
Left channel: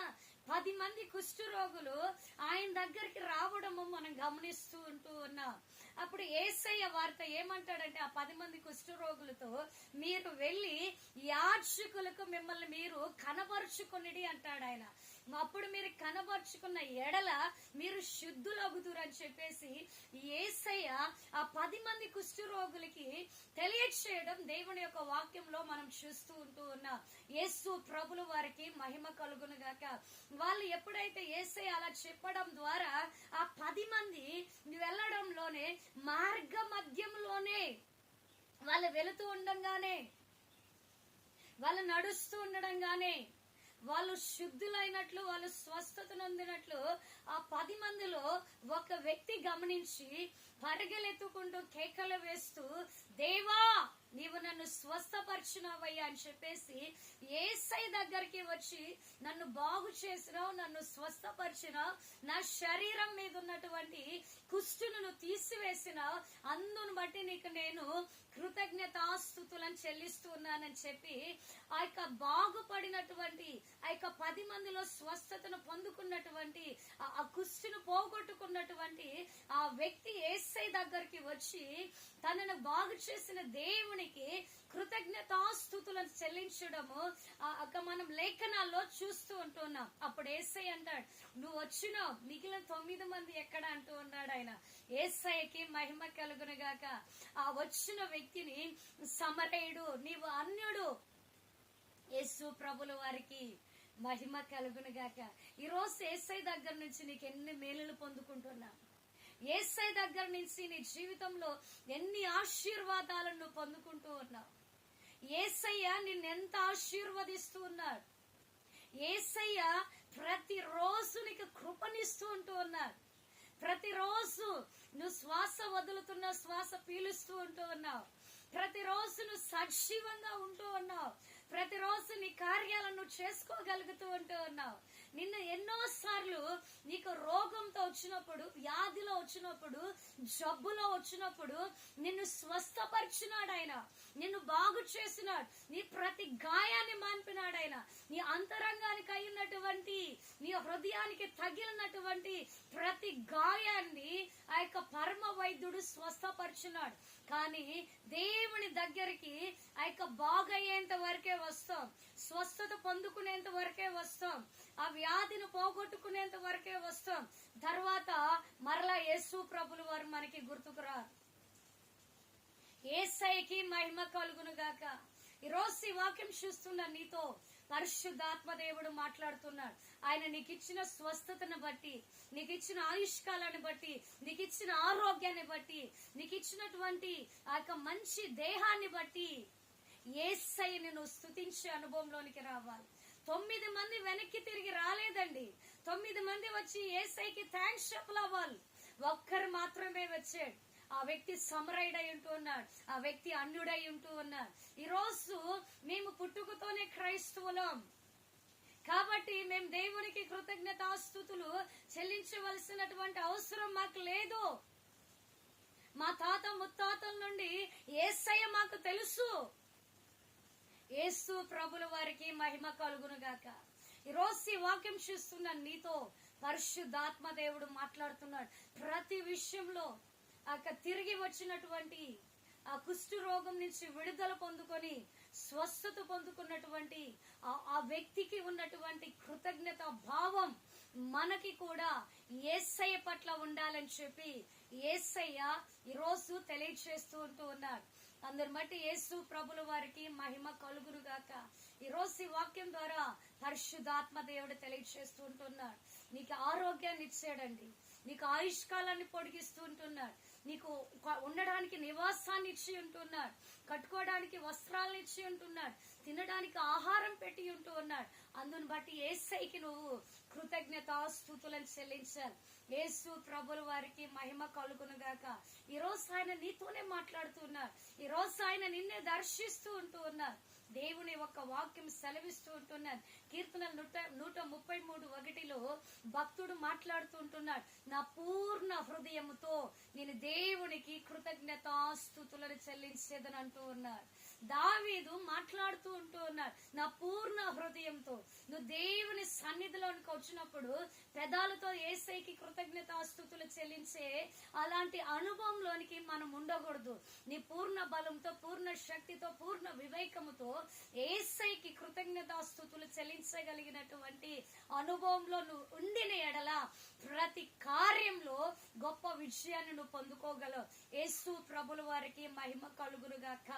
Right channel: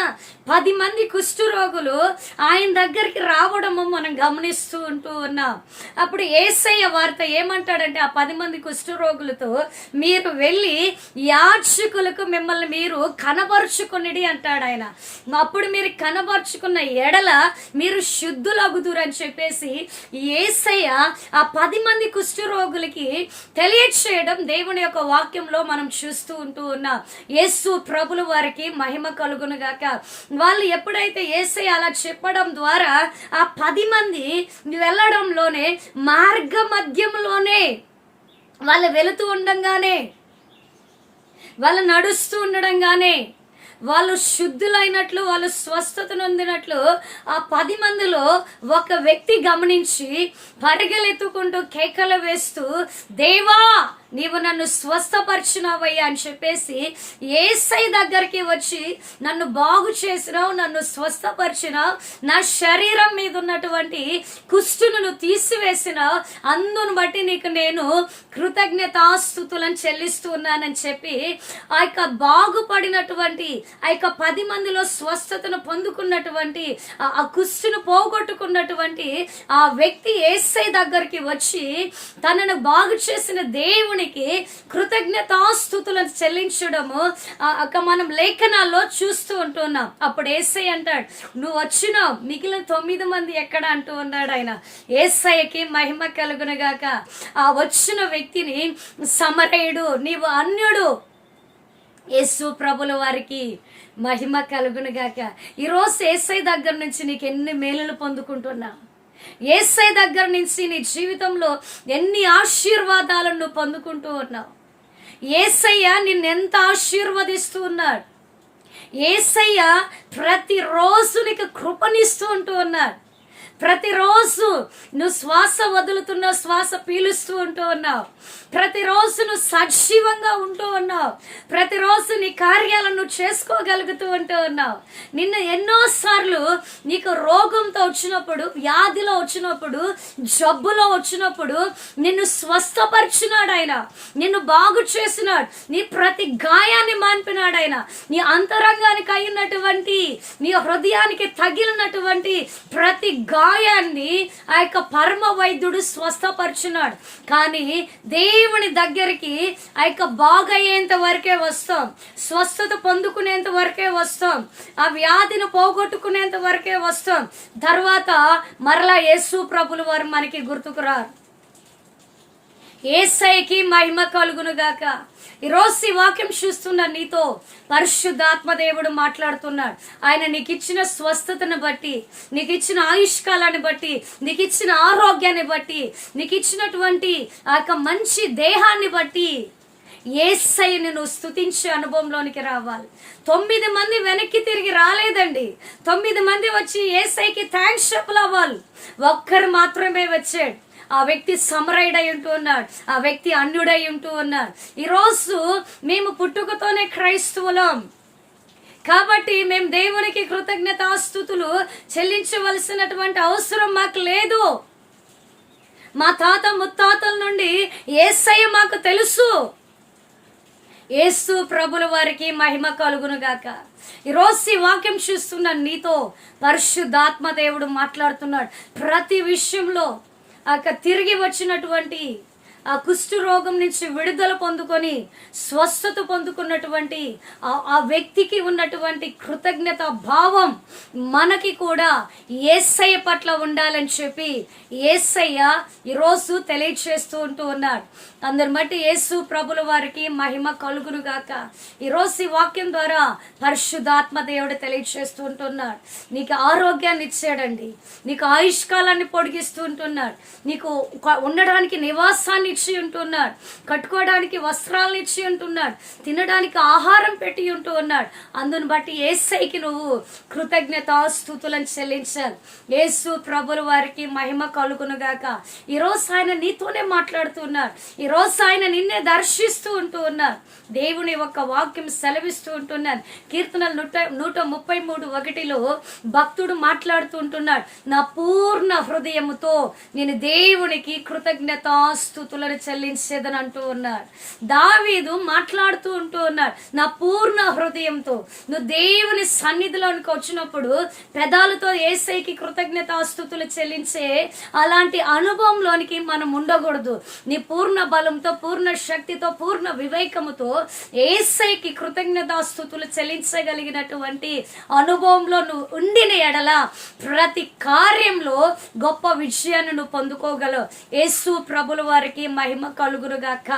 10 మంది కుష్ఠరోగులు ఆయన దగ్గరికి రావడము మనం గమనిస్తూ ఉంటూ ఉన్నాం. అప్పుడు యేసయ్య వార్త ఏమంటాడంటే ఆ 10 మంది కుష్ఠరోగులతో, మీరు వెళ్ళి యాజకులకు మిమ్మల్ని మీరు కనబరుచుకునిడి అంటాడు ఆయన. అప్పుడు మీరు కనబరుచుకున్న ఎడల మీరు శుద్ధులగుదురు అని చెప్పేసి యేసయ్య ఆ 10 మంది కుష్ఠరోగులకి తెలియచేయడం దేవుని యొక్క వాక్యంలో మనం చూస్తూ ఉంటూ ఉన్నాం. యేసు ప్రభుల వారికి మహిమ కలుగును గాక. వాళ్ళు ఎప్పుడైతే యేసయ్య అలా చెప్పడం ద్వారా ఆ 10 మంది వెళ్ళడంలోనే మార్గ మధ్యంలోనే వాళ్ళు వెళుతూ ఉండగానే, వాళ్ళు నడుస్తూ ఉండడంగానే వాళ్ళు శుద్ధులైనట్లు, వాళ్ళు స్వస్థత నొందినట్లు ఆ 10 మందిలో ఒక వ్యక్తి గమనించి పరిగెలెత్తుకుంటూ కేకలు వేస్తూ, దేవా నీవు నన్ను స్వస్థపరిచినావయ్యా అని చెప్పేసి యేసయ్య దగ్గరికి వచ్చి, నన్ను బాగు చేసినావు, నన్ను స్వస్థపరిచినావు, నా శరీరం మీద ఉన్నటువంటి కుష్ఠును తీసివేసినావు, అందును బట్టి నీకు నేను కృతజ్ఞతాస్తుతులను చెల్లిస్తూ ఉన్నానని చెప్పి ఆ యొక్క బాగుపడినటువంటి ఆ యొక్క 10 మందిలో స్వస్థతను పొందుకున్నటువంటి ఆ కుష్ఠును పోగొట్టుకున్నటువంటి ఆ వ్యక్తి యేసయ్య దగ్గరికి వచ్చి తనను బాగు చేసిన దేవునికి కృతజ్ఞతాస్తుతులను చెల్లించడము మనం లేఖనాల్లో చూస్తూ ఉంటున్నాం. అప్పుడు యేసయ్య అంటాడు, నువ్వు వచ్చినావు, మిగిలిన 9 మంది ఎక్కడ అంటూ ఉన్నాడు ఆయన. యేసయ్యకి మహిమ కలుగునుగాక. ఆ వచ్చిన వ్యక్తిని సమరయుడు, నీవు అన్యుడు. యేసు ప్రభుల వారికి మహిమ కలుగునుగాక. ఈరోజు యేసయ్య దగ్గర నుంచి నీకు ఎన్ని మేలులు పొందుకుంటున్నా, యేసయ్య దగ్గర నుంచి నీ జీవితంలో ఎన్ని ఆశీర్వాదాలను నువ్వు పొందుకుంటూ ఉన్నావు. యేసయ్య నిన్నెంత ఆశీర్వదిస్తూ ఉన్నాడు. యేసయ్య ప్రతిరోజు నీకు కృపనిస్తూ ఉంటూ ఉన్నాడు. ప్రతిరోజు నువ్వు శ్వాస వదులుతున్నావు, శ్వాస పీలుస్తూ ఉంటూ ఉన్నావు. ప్రతిరోజు నువ్వు సజీవంగా ఉంటూ ఉన్నావు. ప్రతిరోజు నీ కార్యాలను నువ్వు చేసుకోగలుగుతూ ఉంటూ ఉన్నావు. నిన్న ఎన్నోసార్లు నీకు రోగంతో వచ్చినప్పుడు, వ్యాధిలో వచ్చినప్పుడు, జబ్బులో వచ్చినప్పుడు నిన్ను స్వస్థపరిచినాడు ఆయన, నిన్ను బాగు చేసినాడు, నీ ప్రతి గాయాన్ని మాన్పినాడు ఆయన. నీ అంతరంగానికి అయినటువంటి, నీ హృదయానికి తగిలినటువంటి ప్రతి గాయాన్ని ఆ యొక్క పరమ వైద్యుడు స్వస్థపరిచినాడు. కానీ దేవుని దగ్గరికి ఆ యొక్క బాగయ్యేంత వరకే వస్తాం, స్వస్థత పొందుకునేంత వరకే వస్తాం, ఆ వ్యాధిని పోగొట్టుకునేంత వరకే వస్తాం. తర్వాత మరలా యేసు ప్రభుల వారు మనకి గుర్తుకురారు. యేసయ్యకి మహిమ కలుగునుగాక. ఈరోజు ఈ వాక్యం చూస్తున్న నీతో పరిశుద్ధాత్మ దేవుడు మాట్లాడుతున్నాడు. ఆయన నీకు ఇచ్చిన స్వస్థతను బట్టి, నీకు ఇచ్చిన ఆయుష్కాలాన్ని బట్టి, నీకు ఇచ్చిన ఆరోగ్యాన్ని బట్టి, నీకు ఇచ్చినటువంటి ఆ యొక్క మంచి దేహాన్ని బట్టి యేసయ్యని నువ్వు స్తుతించే అనుభవంలోనికి రావాలి. 9 మంది వెనక్కి తిరిగి రాలేదండి. 9 మంది వచ్చి యేసయ్యకి థ్యాంక్స్ చెప్పలవ్వాలి. ఒక్కరు మాత్రమే వచ్చాడు. ఆ వ్యక్తి సమరయుడై ఉంటూ ఉన్నాడు, ఆ వ్యక్తి అన్యుడై ఉంటూ ఉన్నాడు. ఈరోజు మేము పుట్టుకతోనే క్రైస్తవులం కాబట్టి మేము దేవునికి కృతజ్ఞతాస్తుతులు చెల్లించవలసినటువంటి అవసరం మాకు లేదు. మా తాత ముత్తాతల నుండి యేసయ్య మాకు తెలుసు. యేసు ప్రభుల వారికి మహిమ కలుగును గాక. ఈరోజు ఈ వాక్యం చూస్తున్న నీతో పరిశుద్ధాత్మ దేవుడు మాట్లాడుతున్నాడు. ప్రతి విషయంలో తిరిగి వచ్చినటువంటి ఆ కుష్టు రోగం నుంచి విడుదల పొందుకొని స్వస్థత పొందుకున్నటువంటి ఆ వ్యక్తికి ఉన్నటువంటి కృతజ్ఞత భావం మనకి కూడా యేసయ్య పట్ల ఉండాలని చెప్పి యేసయ్య ఈరోజు తెలియచేస్తూ ఉంటూ ఉన్నాడు. అందరి బట్టి యేసు ప్రభుల వారికి మహిమ కలుగును గాక. ఈరోజు ఈ వాక్యం ద్వారా పరిశుద్ధాత్మ దేవుడు తెలియచేస్తూ ఉంటున్నాడు. నీకు ఆరోగ్యాన్ని ఇచ్చాడండి, నీకు ఆయుష్కాలాన్ని పొడిగిస్తూ ఉంటున్నాడు, నీకు ఉండడానికి నివాసాన్ని ఇచ్చి ఉంటున్నాడు, కట్టుకోవడానికి వస్త్రాలను ఇచ్చి ఉంటున్నాడు, తినడానికి ఆహారం పెట్టి ఉంటూ ఉన్నాడు. అందుని బట్టి యేసయ్యకి నువ్వు కృతజ్ఞతాస్తుతులను చెల్లించాలి. యేసు ప్రభుల వారికి మహిమ కలుగును గాక. ఈరోజు ఆయన నీతోనే మాట్లాడుతున్నాడు. ఈరోజు ఆయన నిన్నే దర్శిస్తూ ఉంటూ ఉన్నారు. దేవుని యొక్క వాక్యం సెలవిస్తూ ఉంటున్నాను. కీర్తనలు 133:1 భక్తుడు మాట్లాడుతూ ఉంటున్నాడు, నా పూర్ణ హృదయముతో నేను దేవునికి కృతజ్ఞతాస్తుతులను చెల్లించేదని అంటూ ఉన్నాడు. దావీదు మాట్లాడుతూ ఉంటూ ఉన్నాడు, నా పూర్ణ హృదయంతో. నువ్వు దేవుని సన్నిధిలోనికి వచ్చినప్పుడు పెదాలతో యేసయ్యకి కృతజ్ఞతాస్తుతులు చెల్లించే అలాంటి అనుభవంలోనికి మనం ఉండకూడదు. నీ పూర్ణ బలంతో, పూర్ణ శక్తితో, పూర్ణ వివేకముతో యేసయ్యకి కృతజ్ఞతాస్తుతులు చెల్లించగలిగినటువంటి అనుభవంలో నువ్వు ఉండిన ఎడల ప్రతి కార్యంలో గొప్ప విజయాన్ని నువ్వు పొందుకోగలవు. యేసు ప్రభుల వారికి మహిమ కలుగును గాక.